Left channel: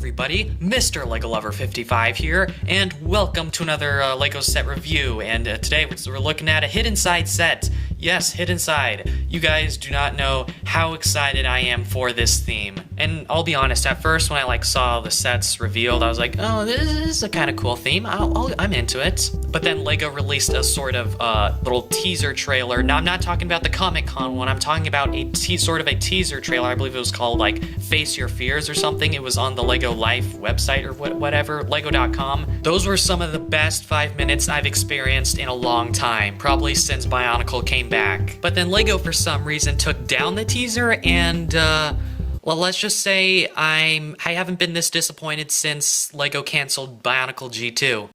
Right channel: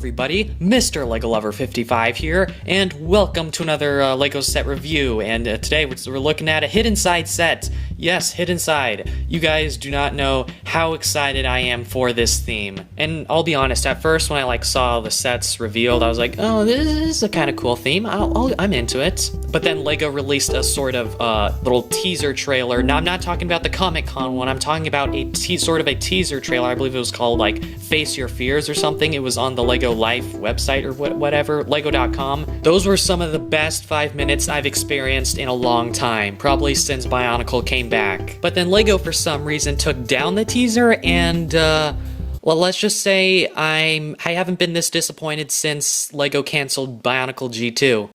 everybody, Mr. LEGO Lover 55 here, and welcome to another LEGO set review. And today we're looking at a Hidden Side set. Yes, Hidden Side. You guys do not know how excited I am for this theme. And I'll be honest, at first when I saw the sets revealed, I was like, oh, this is a kind of cool theme. I'm into it. But then LEGO released a sort of little teaser trailer. Now I'm not talking about the Comic-Con one. I'm talking about sort of a teaser trailer. I believe it was called Face Your Fears or something. It was on the LEGO Life website or whatever, lego.com. Those were some of the best 5 minutes I've experienced in a long time, probably since Bionicle came back. But then LEGO for some reason took down the teaser and well, let's just say I haven't been this disappointed since LEGO canceled Bionicle G2.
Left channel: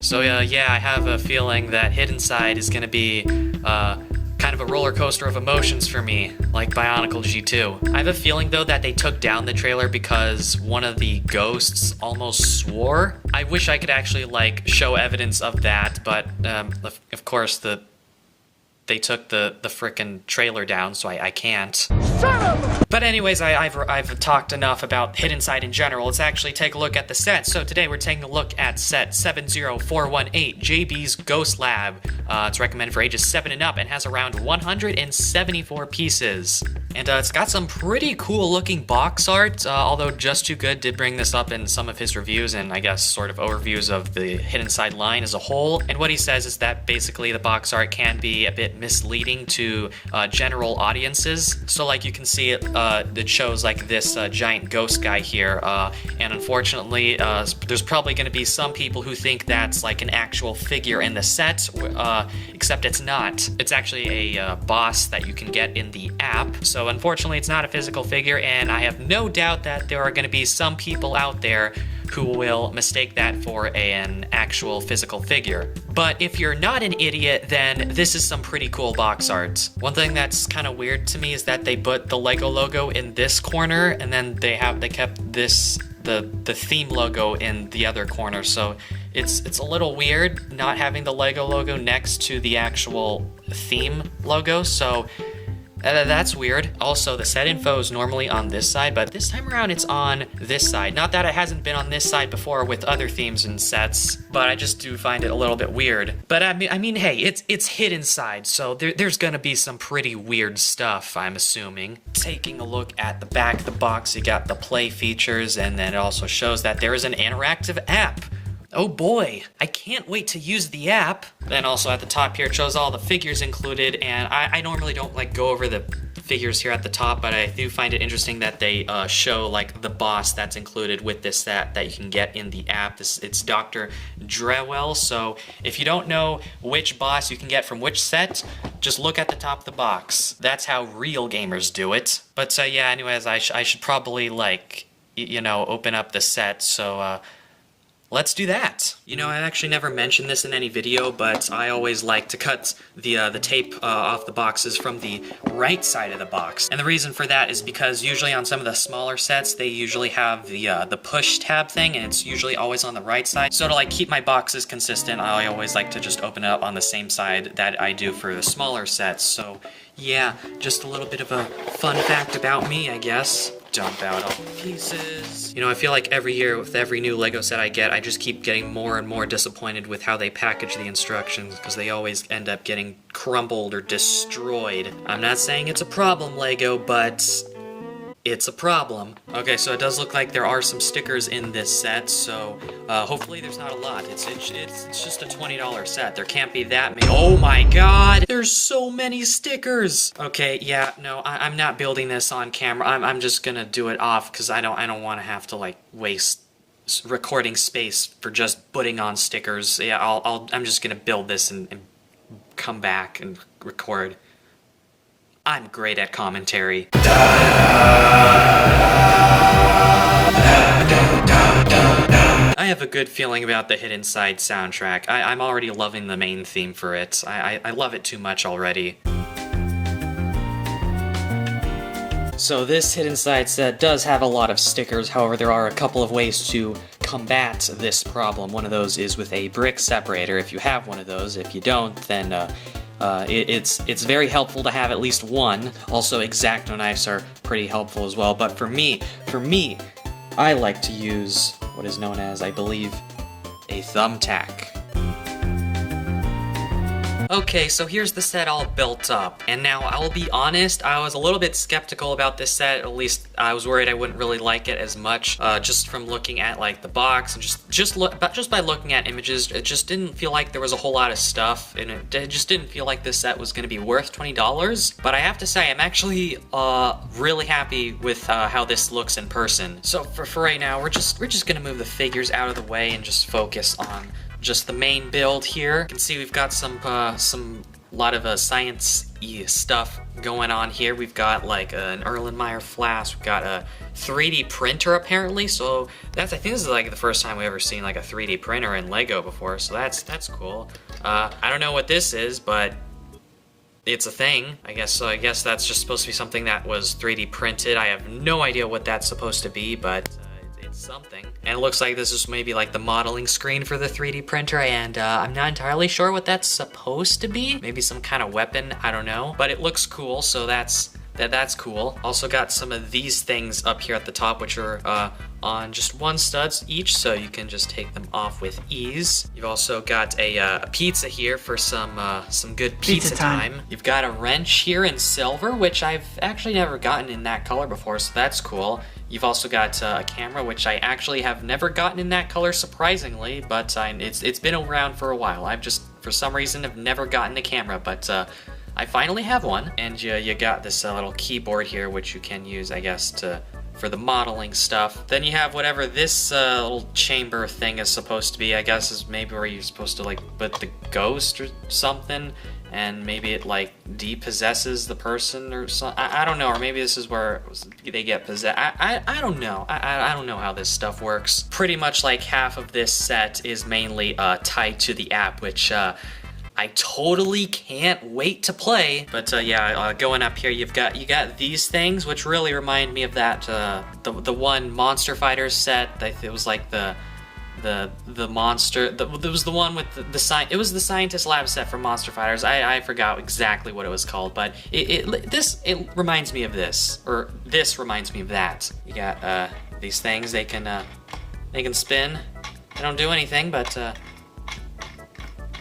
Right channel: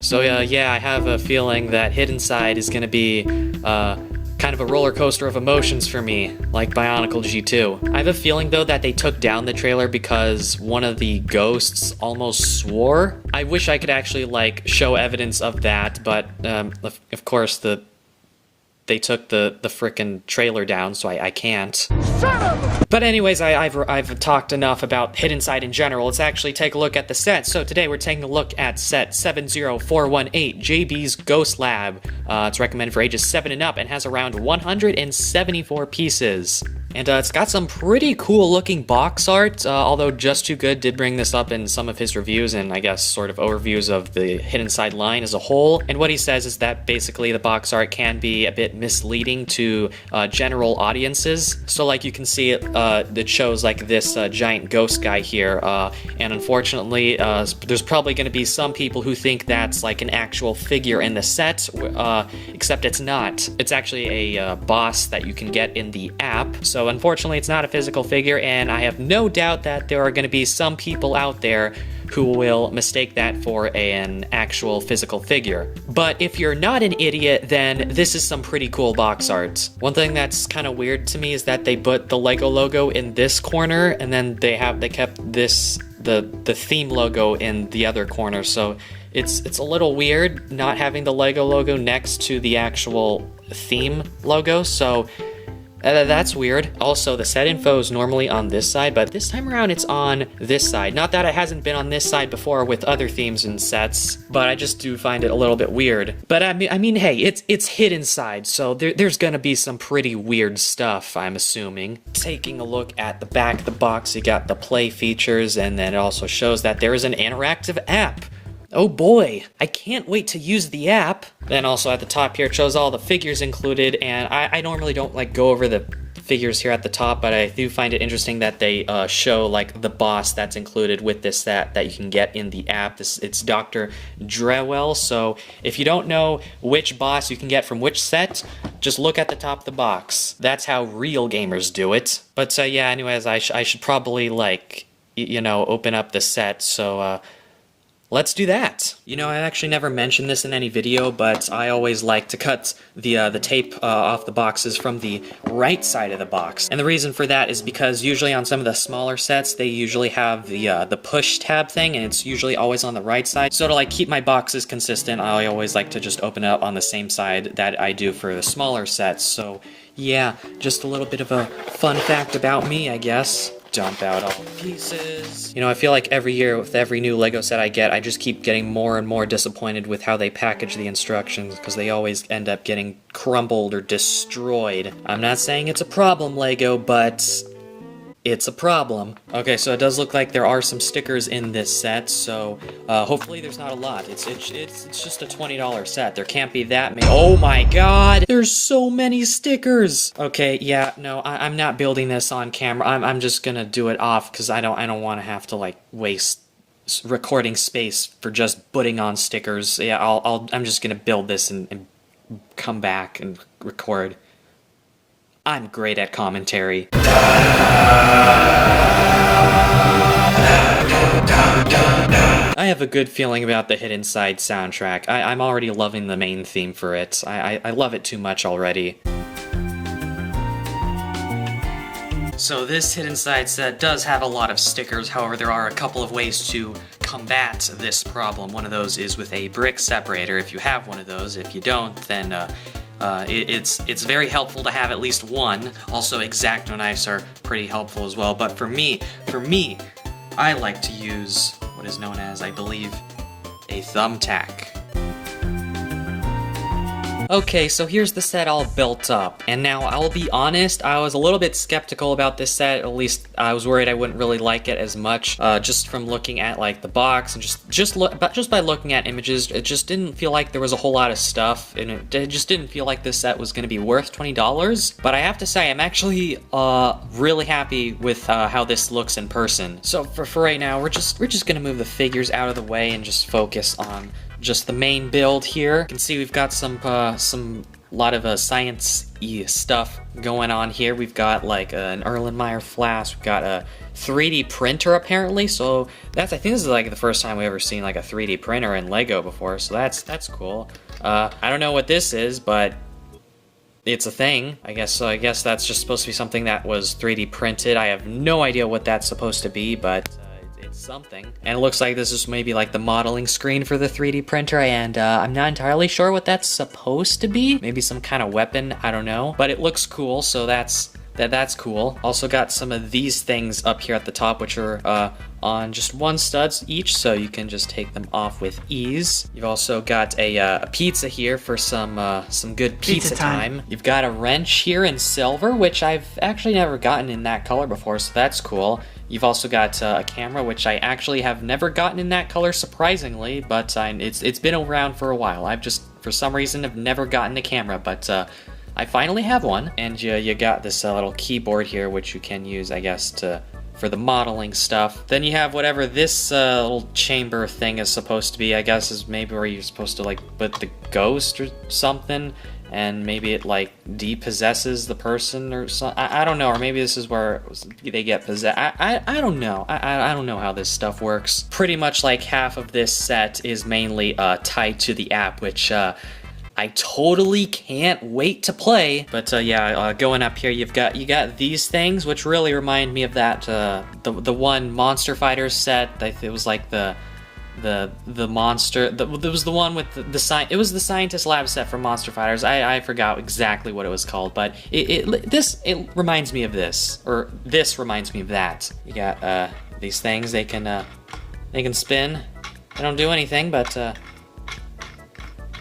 So yeah, I have a feeling that Hidden Side is gonna be kind of a roller coaster of emotions for me, like Bionicle G2. I have a feeling though that they took down the trailer because one of the ghosts almost swore. I wish I could actually show evidence of that, but of course they took the frickin' trailer down, so I can't. Shut up! But anyways, I've talked enough about Hidden Side in general. Let's actually take a look at the set. So today we're taking a look at set 70418, JB's Ghost Lab. It's recommended for ages 7 and up and has around 174 pieces. And it's got some pretty cool looking box art, although Just Too Good did bring this up in some of his reviews and I guess sort of overviews of the Hidden Side line as a whole. And what he says is that basically the box art can be a bit misleading to general audiences. So you can see it shows this giant ghost guy here, and unfortunately there's probably going to be some people who think that's an actual figure in the set, except it's not. It's actually a boss that you can get in the app. So unfortunately it's not a physical figure, and I have no doubt that there are going to be some people out there who will mistake that for an actual physical figure. But if you're not an idiot, then this is some pretty cool box art. One thing that's kind of weird to me is that they put the LEGO logo in this corner, and then they kept the theme logo in the other corner. So it's a little weird not having the LEGO logo next to the actual theme logo. So that's weird. Also, the set info is normally on this side, but this time around it's on this side. Not that it hasn't been on this side before with other themes and sets, but I just do find it a little bit weird. But I mean, hey, it's Hidden Side, so there's gonna be some pretty weird stuff, I'm assuming. Taking a look at the back of the box, you got the play features, and then it also shows that there is an interactive app. Oh boy, I can't wait to use the app. Then also at the top here, it shows all the figures included, and I normally don't go over the figures here at the top, but I do find it interesting that they show the boss that's included with this set that you can get in the app. It's Dr. Drewell, so if you don't know which boss you can get from which set, just look at the top of the box. That's how real gamers do it. But yeah, anyways, I should probably open up the set, so let's do that. I actually never mentioned this in any video, but I always like to cut the tape off the boxes from the right side of the box. And the reason for that is because usually on some of the smaller sets, they usually have the push tab thing, and it's usually always on the right side. So to keep my boxes consistent, I always like to just open it up on the same side that I do for the smaller sets. So yeah, just a little bit of a fun fact about me, I guess. Dump out all the pieces. I feel like every year with every new LEGO set I get, I just keep getting more and more disappointed with how they package the instructions, because they always end up getting crumbled or destroyed. I'm not saying it's a problem, LEGO, but it's a problem. Okay, so it does look like there are some stickers in this set, so hopefully there's not a lot. It's just a $20 set. There can't be that many. Oh my god! There's so many stickers! Okay, yeah, no, I'm not building this on camera. I'm just gonna do it off, because I don't want to have to, waste recording space for just putting on stickers. Yeah, I'm just gonna build this and come back and record. I'm great at commentary. I have a good feeling about the Hidden Side soundtrack. I'm already loving the main theme for it. I love it too much already. So this Hidden Side set does have a lot of stickers, however there are a couple of ways to combat this problem. One of those is with a brick separator, if you have one of those. If you don't, then it's very helpful to have at least one. Also, X-Acto knives are pretty helpful as well, but for me, I like to use what is known as, I believe, a thumbtack. Okay, so here's the set all built up, and now I'll be honest, I was a little bit skeptical about this set. At least I was worried I wouldn't really like it as much, just from looking at like the box and just by looking at images. It just didn't feel like there was a whole lot of stuff, and it just didn't feel like this set was going to be worth $20. But I have to say, I'm actually really happy with how this looks in person. So for right now, we're just gonna move the figures out of the way and just focus on just the main build here. You can see we've got some lot of science-y stuff going on here. We've got like an Erlenmeyer flask. We've got a 3D printer apparently. So I think this is like the first time we've ever seen like a 3D printer in Lego before. So that's cool. I don't know what this is, but it's a thing, I guess. So I guess that's just supposed to be something that was 3D printed. I have no idea what that's supposed to be, but it's something. And it looks like this is maybe like the modeling screen for the 3D printer, and I'm not entirely sure what that's supposed to be. Maybe some kind of weapon, I don't know. But it looks cool, so that's cool. Also got some of these things up here at the top, which are on just one studs each, so you can just take them off with ease. You've also got a pizza here for some good pizza time. You've got a wrench here in silver, which I've actually never gotten in that color before, so that's cool. You've also got a camera, which I actually have never gotten in that color, surprisingly, but it's been around for a while. I've just, for some reason, have never gotten a camera, but I finally have one. And you got this little keyboard here, which you can use, I guess, for the modeling stuff. Then you have whatever this little chamber thing is supposed to be, I guess, is maybe where you're supposed to, like, put the ghost or something, and maybe it, like, depossesses the person or something. I don't know, or maybe this is where they get possessed. I don't know. I don't know how this stuff works. Pretty much like half of this set is mainly tied to the app, which I totally can't wait to play. But yeah, going up here, you got these things, which really remind me of that the one Monster Fighters set. It was like the monster. It was the one with it was the Scientist Lab set for Monster Fighters. I forgot exactly what it was called, but it reminds me of this, or this reminds me of that. You got these things. They can spin. They don't do anything, but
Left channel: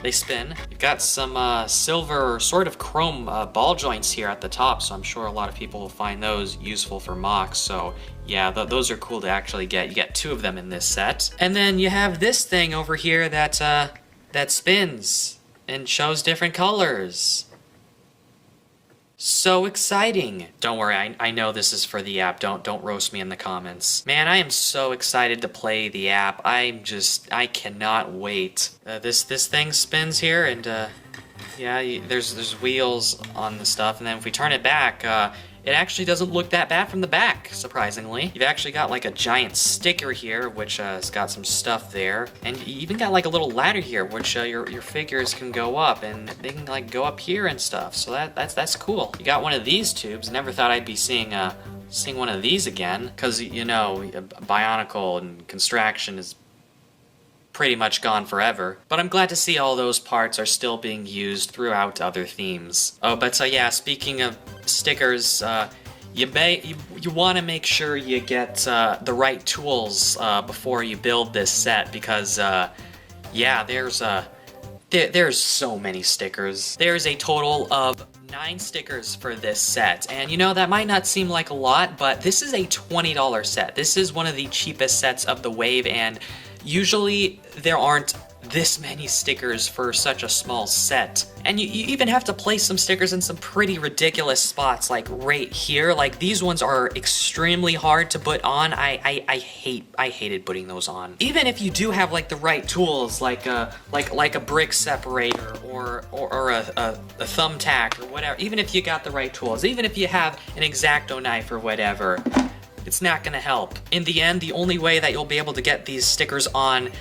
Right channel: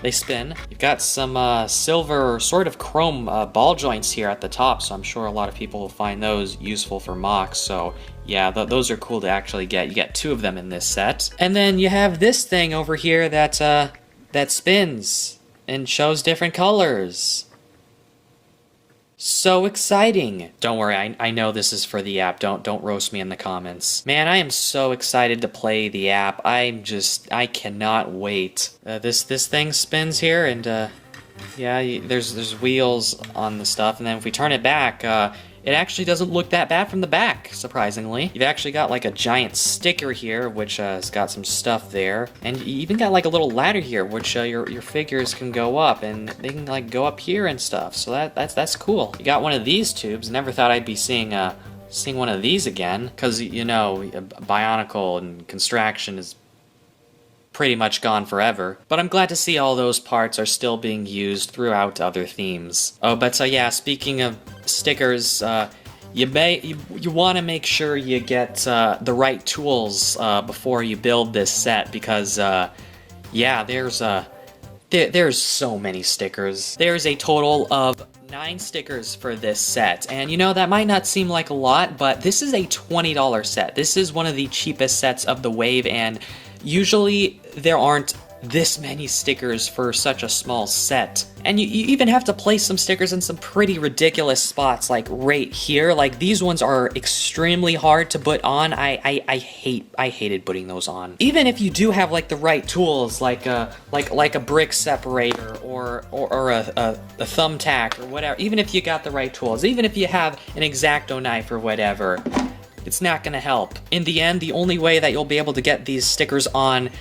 they spin. You've got some silver, sort of chrome ball joints here at the top, so I'm sure a lot of people will find those useful for mocks. So yeah, those are cool to actually get. You get 2 of them in this set. And then you have this thing over here that spins and shows different colors. So exciting. Don't worry, I know this is for the app. Don't roast me in the comments. Man, I am so excited to play the app. I cannot wait. This thing spins here, and yeah, there's wheels on the stuff, and then if we turn it back, it actually doesn't look that bad from the back, surprisingly. You've actually got like a giant sticker here, which has got some stuff there. And you even got like a little ladder here, which your figures can go up, and they can like go up here and stuff. So that's cool. You got one of these tubes. Never thought I'd be seeing one of these again, because, you know, Bionicle and Construction is pretty much gone forever. But I'm glad to see all those parts are still being used throughout other themes. Oh, but yeah, speaking of stickers, you want to make sure you get the right tools before you build this set, because yeah, there's so many stickers. There's a total of 9 stickers for this set, and you know, that might not seem like a lot, but this is a $20 set. This is one of the cheapest sets of the wave, and usually there aren't this many stickers for such a small set. And you even have to place some stickers in some pretty ridiculous spots, like right here. Like, these ones are extremely hard to put on. I hated putting those on. Even if you do have like the right tools, like a brick separator or a thumbtack or whatever, even if you got the right tools, even if you have an X-Acto knife or whatever, it's not going to help. In the end, the only way that you'll be able to get these stickers on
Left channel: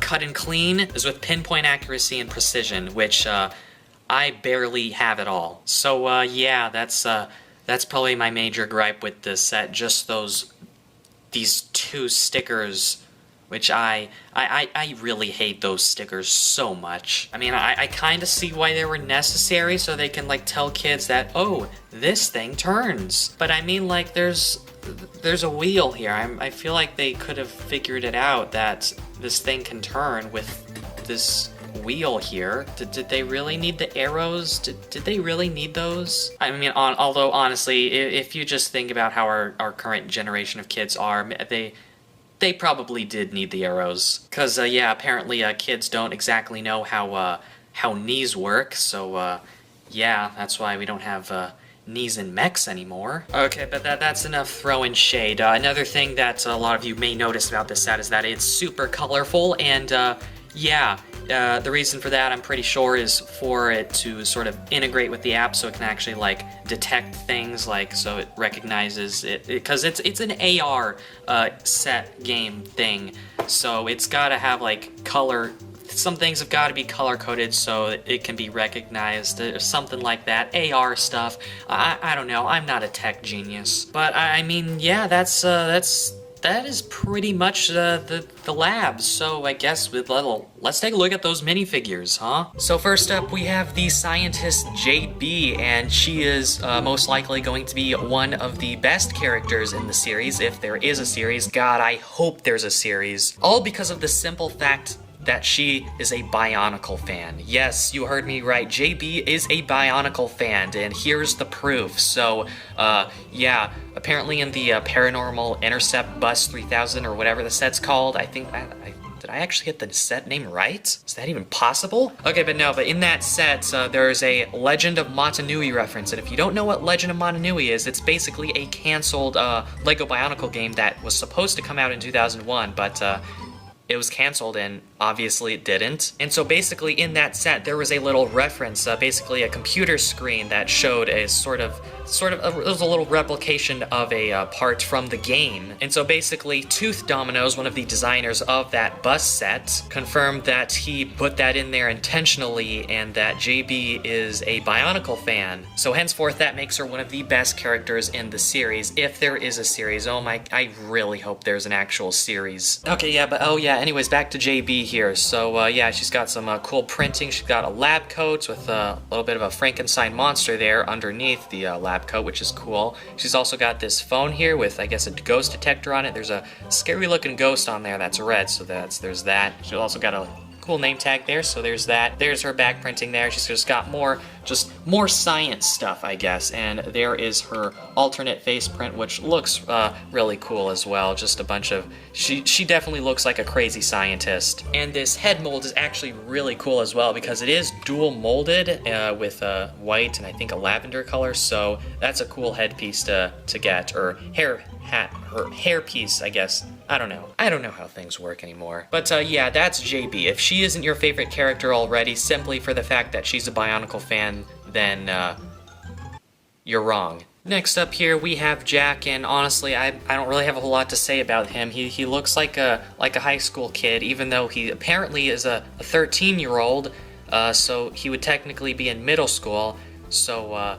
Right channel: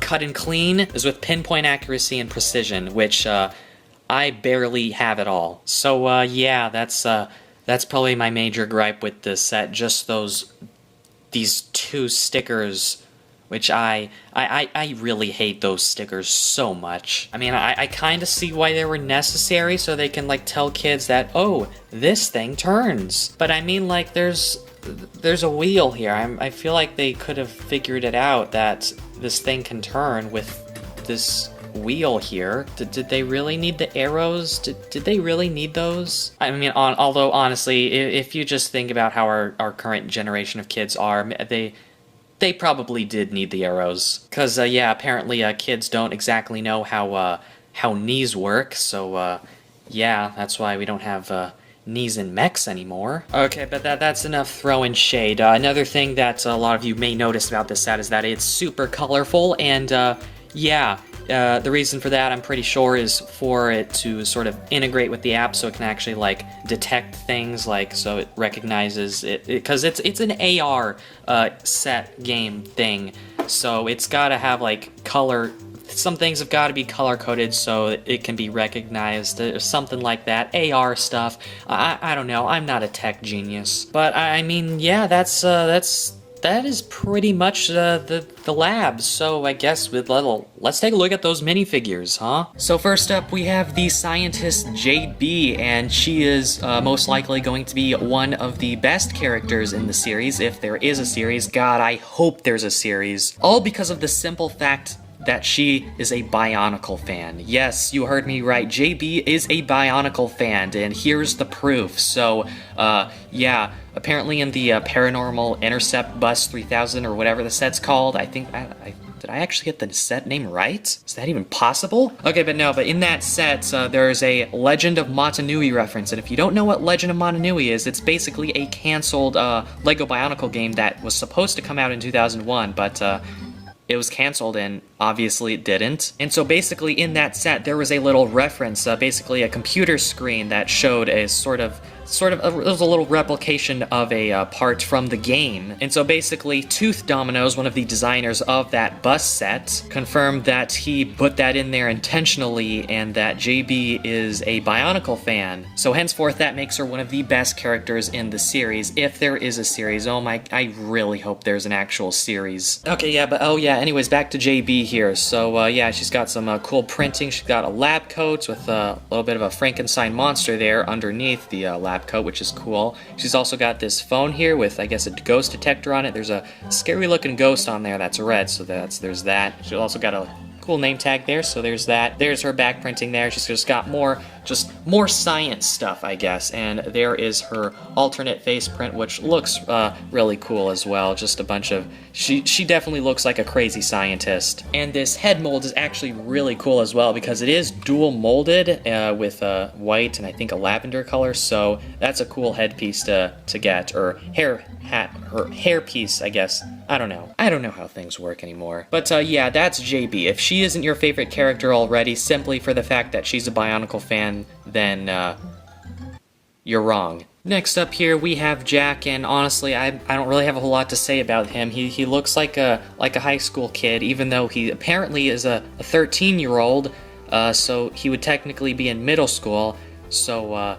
cut and clean is with pinpoint accuracy and precision, which I barely have at all. So yeah, that's probably my major gripe with this set. Just these 2 stickers which I really hate those stickers so much. I mean, I kind of see why they were necessary, so they can, like, tell kids that, oh, this thing turns. But I mean, like, there's a wheel here. I feel like they could have figured it out that this thing can turn with this wheel here. Did they really need the arrows? Did they really need those? I mean, although honestly, if you just think about how our current generation of kids are, they probably did need the arrows. Because, yeah, apparently kids don't exactly know how knees work, so, yeah, that's why we don't have knees in mechs anymore. Okay, but that's enough throwing shade. Another thing that a lot of you may notice about this set is that it's super colorful, and, yeah, the reason for that, I'm pretty sure, is for it to sort of integrate with the app so it can actually, like, detect things, like, so it recognizes it, because it's an AR set game thing, so it's gotta have, like, color. Some things have got to be color-coded so it can be recognized, something like that. AR stuff. I don't know. I'm not a tech genius, but I mean, yeah, that is pretty much the lab. So I guess let's take a look at those minifigures, huh? So first up, we have the scientist JB, and she is most likely going to be one of the best characters in the series, if there is a series. God, I hope there's a series. All because of the simple fact that she is a Bionicle fan. Yes, you heard me right. JB is a Bionicle fan, and here's the proof. So, yeah, apparently in the Paranormal Intercept Bus 3000, or whatever the set's called, I think, did I actually get the set name right? Is that even possible? Okay, but in that set, there's a Legend of Motunui reference, and if you don't know what Legend of Motunui is, it's basically a canceled Lego Bionicle game that was supposed to come out in 2001, but, it was canceled, and obviously it didn't. And so basically in that set, there was a little reference, basically a computer screen that showed a it was a little replication of a part from the game. And so basically Tooth Dominoes, one of the designers of that bus set, confirmed that he put that in there intentionally and that JB is a Bionicle fan. So henceforth that makes her one of the best characters in the series, if there is a series. Oh my, I really hope there's an actual series. Okay, yeah, but anyways, back to JB here. So yeah, she's got some cool printing. She's got a lab coat with a little bit of a Frankenstein monster there underneath the lab coat, which is cool. She's also got this phone here with, I guess, a ghost detector on it. There's a scary looking ghost on there that's red, so there's that. She's also got a cool name tag there, so there's that. There's her back printing there. She's just got more science stuff, I guess. And there is her alternate face print, which looks really cool as well. Just a bunch of... She definitely looks like a crazy scientist. And this head mold is actually really cool as well because it is dual molded with white and I think a lavender color, so that's a cool headpiece to get, or hair piece, I guess. I don't know how things work anymore. But yeah, that's JB. If she isn't your favorite character already, simply for the fact that she's a Bionicle fan, then you're wrong. Next up here we have Jack, and honestly I don't really have a whole lot to say about him. He looks like a high school kid, even though he apparently is a 13-year-old, so he would technically be in middle school, so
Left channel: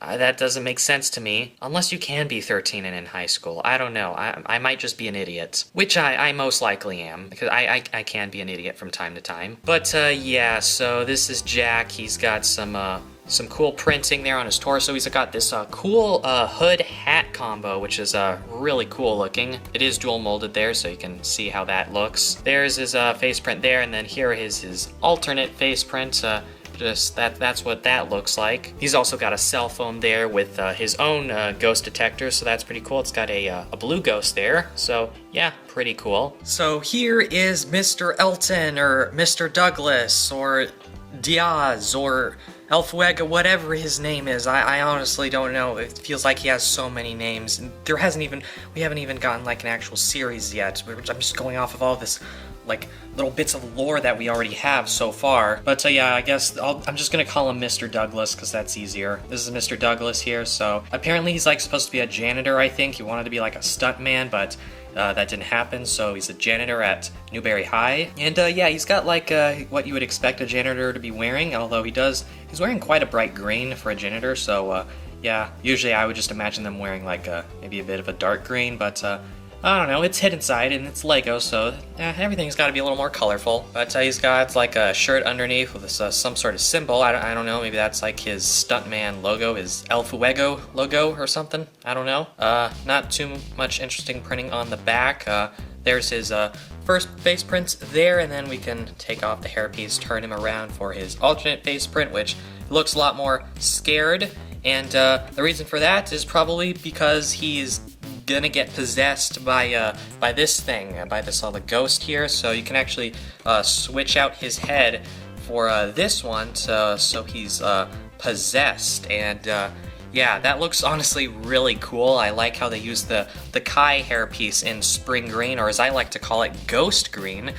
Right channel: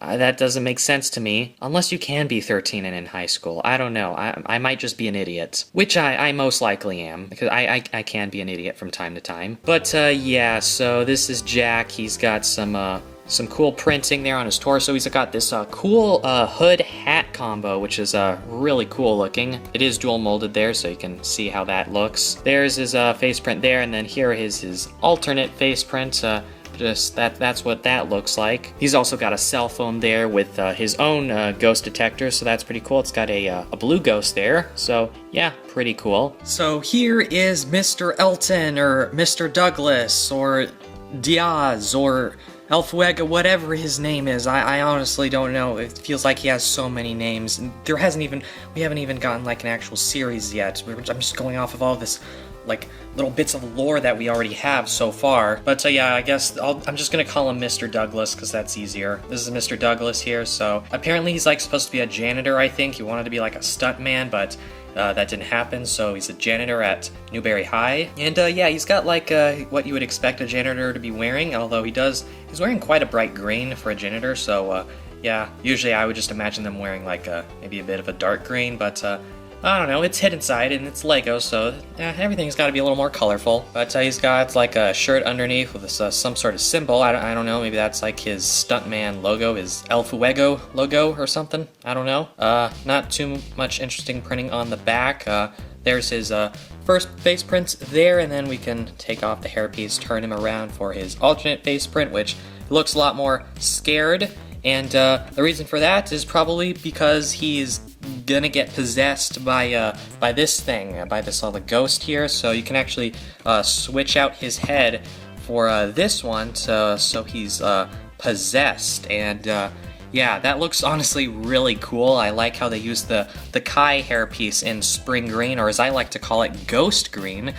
that doesn't make sense to me. Unless you can be 13 and in high school. I don't know. I might just be an idiot. Which I most likely am, because I can be an idiot from time to time. But yeah, so this is Jack. He's got some cool printing there on his torso. He's got this cool hood hat combo, which is really cool looking. It is dual molded there, so you can see how that looks. There's his face print there, and then here is his alternate face print. That's what that looks like. He's also got a cell phone there with his own ghost detector, so that's pretty cool. It's got a blue ghost there, so yeah, pretty cool. So here is Mr. Elton, or Mr. Douglas, or Diaz, or El Fuego, whatever his name is. I honestly don't know. It feels like he has so many names. And we haven't even gotten like an actual series yet. I'm just going off of all this like little bits of lore that we already have so far. But yeah, I guess I'm just gonna call him Mr. Douglas because that's easier. This is Mr. Douglas here. So apparently he's like supposed to be a janitor, I think. He wanted to be like a stuntman, but that didn't happen, so he's a janitor at Newberry High. And yeah, he's got like what you would expect a janitor to be wearing, although he's wearing quite a bright green for a janitor, so yeah, usually I would just imagine them wearing like maybe a bit of a dark green, but I don't know, it's hidden side and it's Lego, so everything's got to be a little more colorful. But he's got like a shirt underneath with some sort of symbol. I don't know, maybe that's like his stuntman logo, his El Fuego logo or something. I don't know. Not too much interesting printing on the back. There's his first face print there, and then we can take off the hairpiece, turn him around for his alternate face print, which looks a lot more scared. And the reason for that is probably because he's gonna get possessed by this thing, by this the ghost here. So you can actually switch out his head for this one, so he's possessed. And yeah, that looks honestly really cool. I like how they use the Kai hairpiece in spring green, or as I like to call it, ghost green.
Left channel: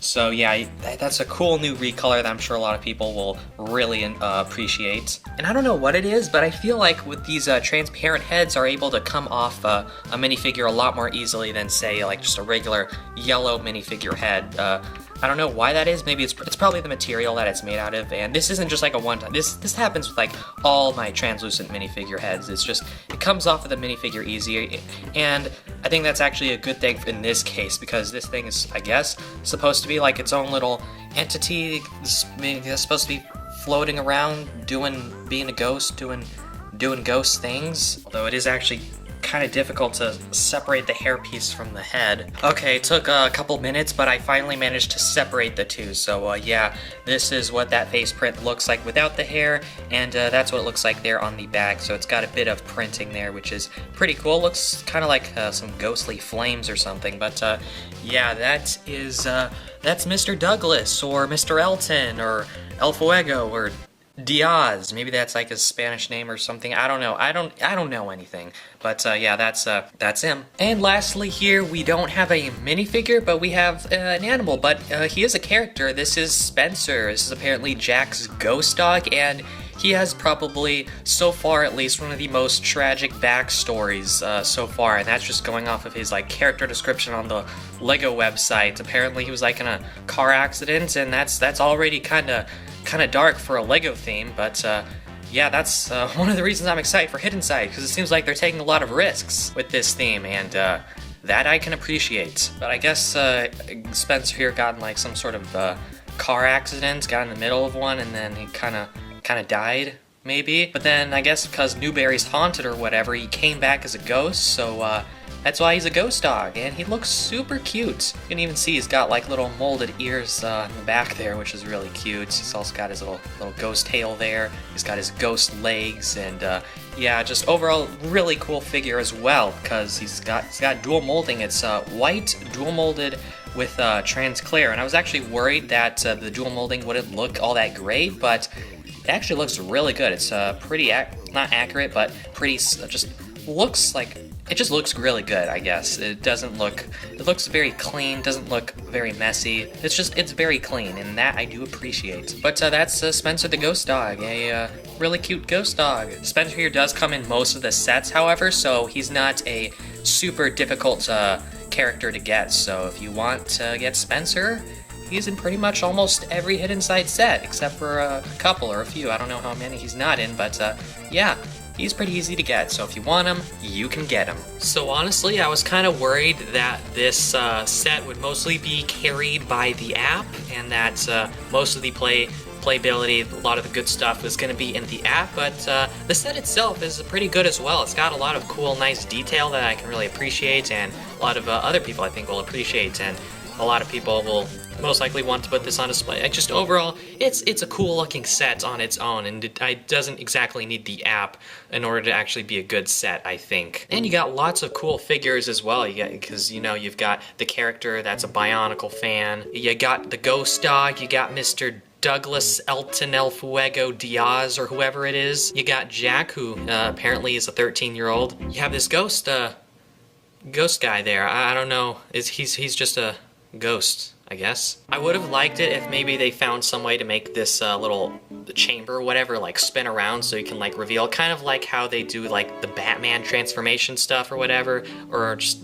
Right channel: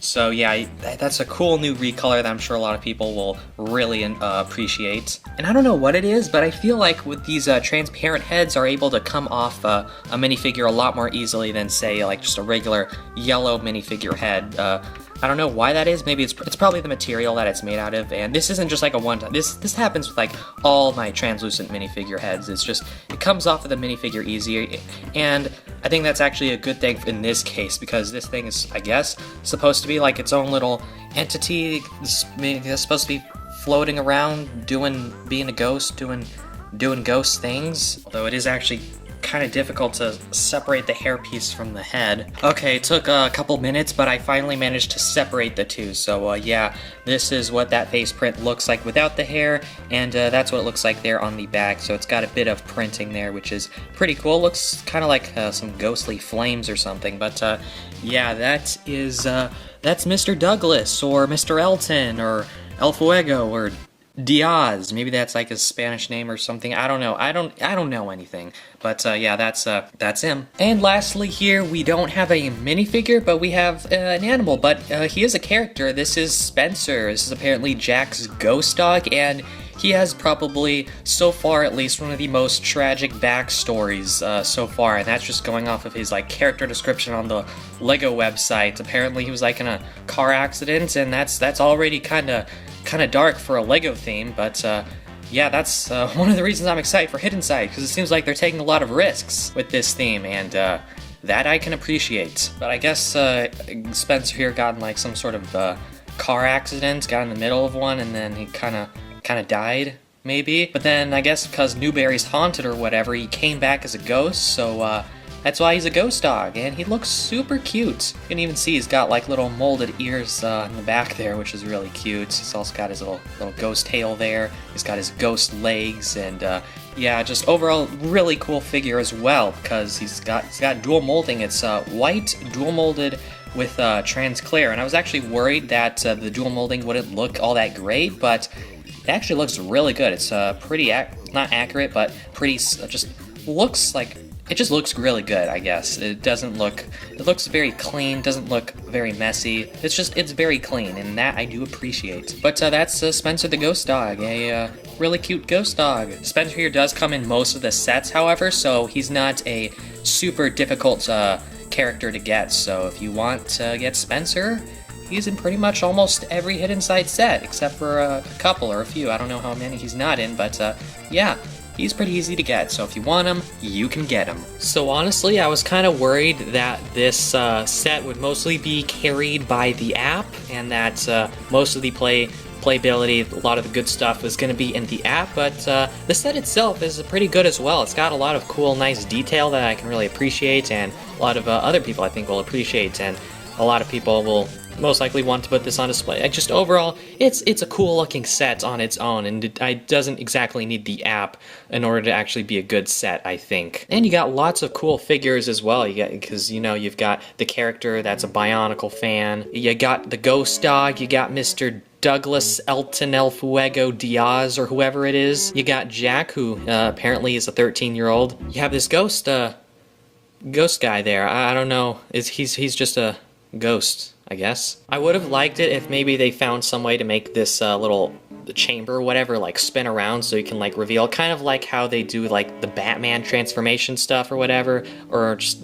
So yeah, that's a cool new recolor that I'm sure a lot of people will really appreciate. And I don't know what it is, but I feel like with these transparent heads are able to come off a minifigure a lot more easily than, say, like just a regular yellow minifigure head. I don't know why that is. Maybe it's probably the material that it's made out of. And this isn't just like a one-time. This happens with like all my translucent minifigure heads. It's just it comes off of the minifigure easier, and I think that's actually a good thing in this case, because this thing is, I guess, supposed to be like its own little entity. It's supposed to be floating around, being a ghost, doing ghost things. Although it is actually kind of difficult to separate the hairpiece from the head. Okay, it took a couple minutes, but I finally managed to separate the two. So yeah, this is what that face print looks like without the hair, and that's what it looks like there on the back. So it's got a bit of printing there, which is pretty cool. Looks kind of like some ghostly flames or something. But yeah, that's Mr. Douglas, or Mr. Elton, or El Fuego, or Diaz. Maybe that's like his Spanish name or something. I don't know. I don't know anything. But yeah, that's him. And lastly here, we don't have a minifigure, but we have an animal. But he is a character. This is Spencer. This is apparently Jack's ghost dog, and he has probably, so far at least, one of the most tragic backstories so far, and that's just going off of his like character description on the Lego website. Apparently he was like in a car accident, and that's already kind of dark for a Lego theme, but yeah, that's one of the reasons I'm excited for Hidden Side, because it seems like they're taking a lot of risks with this theme, and that I can appreciate. But I guess Spencer here got in like some sort of car accident, got in the middle of one, and then he kind of died, maybe. But then I guess because Newberry's haunted or whatever, he came back as a ghost, so that's why he's a ghost dog, and he looks super cute. You can even see he's got like little molded ears in the back there, which is really cute. He's also got his little ghost tail there. He's got his ghost legs, and yeah, just overall really cool figure as well, because he's got dual molding. It's white dual molded with transclear, and I was actually worried that the dual molding wouldn't look all that great, but it actually looks really good. It's pretty not accurate, but pretty just looks like. It just looks really good, I guess. It looks very clean, doesn't look very messy. It's very clean, and that I do appreciate. But that's Spencer the Ghost Dog, a really cute ghost dog. Spencer here does come in most of the sets, however, so he's not a super difficult character to get. So if you want to get Spencer, he's in pretty much almost every Hidden Side set, except for a couple or a few. I don't know how many he's not in, but yeah. He's pretty easy to get, so if you want him, you can get him. So honestly, I was kind of worried that this set would mostly be carried by the app, and that most of the playability, a lot of the good stuff is going to be in the app, but the set itself is pretty good as well. It's got a lot of cool, nice detail that I can really appreciate, and a lot of other people I think will appreciate, and a lot of people will most likely want to put this on display. Just overall, it's a cool looking set on its own, and it doesn't exactly need the app in order to actually be a good set, I think. And you got lots of cool figures as well. Because you've got the character that's a Bionicle fan. You got the ghost dog. You got Mr. Douglas Elton El Fuego Diaz, or whoever it is. You got Jack, who apparently is a 13-year-old. You have this ghost guy there. I don't know. He's just a ghost, I guess. I would have liked it if maybe they found some way to make this little chamber or whatever like spin around so you can like reveal, kind of like how they do like the Batman transformation stuff or whatever, or just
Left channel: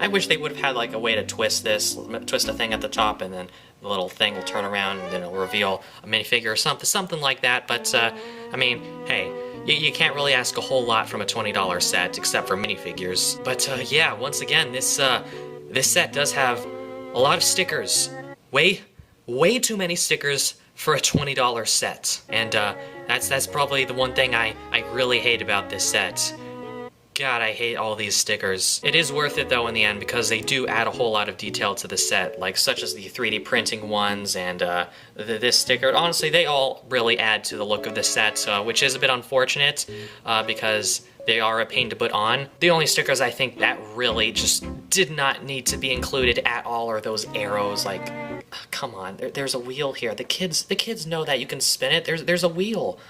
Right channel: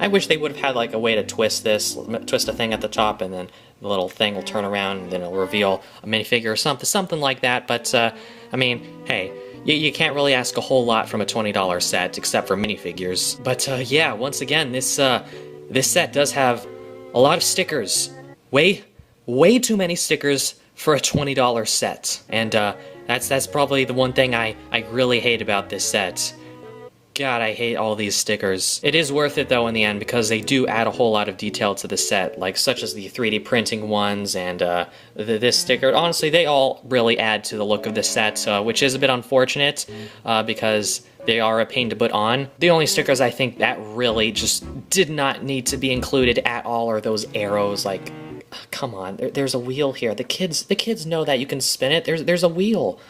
I wish they would have had like a way to twist a thing at the top and then the little thing will turn around and then it'll reveal a minifigure or something like that. But I mean, hey, you can't really ask a whole lot from a $20 set except for minifigures. But yeah, once again, this set does have a lot of stickers. Way too many stickers for a $20 set. And that's probably the one thing I really hate about this set. God, I hate all these stickers. It is worth it though in the end because they do add a whole lot of detail to the set, like such as the 3D printing ones and this sticker. Honestly, they all really add to the look of the set, which is a bit unfortunate because they are a pain to put on. The only stickers I think that really just did not need to be included at all are those arrows. Like, come on, there's a wheel here. The kids know that you can spin it. There's a wheel.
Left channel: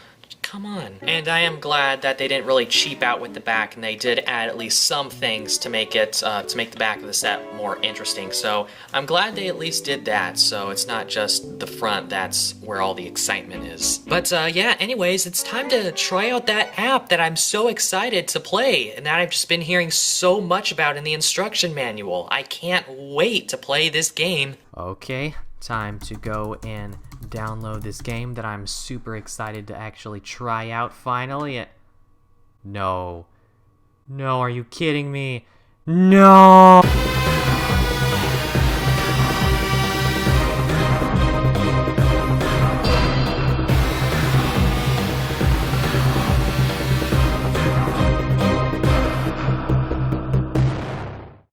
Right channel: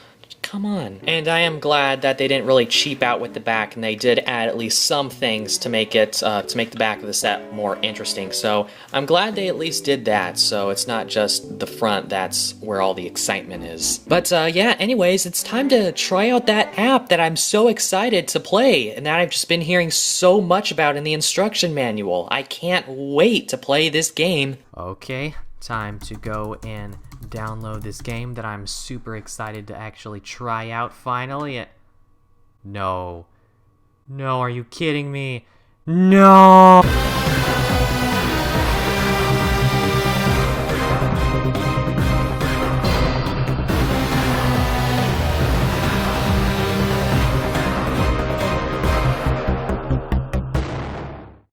Come on. And I am glad that they didn't really cheap out with the back, and they did add at least some things to make it to make the back of the set more interesting. So I'm glad they at least did that, so it's not just the front that's where all the excitement is. But yeah, anyways, it's time to try out that app that I'm so excited to play and that I've just been hearing so much about in the instruction manual. I can't wait to play this game. Okay, time to go and download this game that I'm super excited to actually try out finally. No, are you kidding me? No!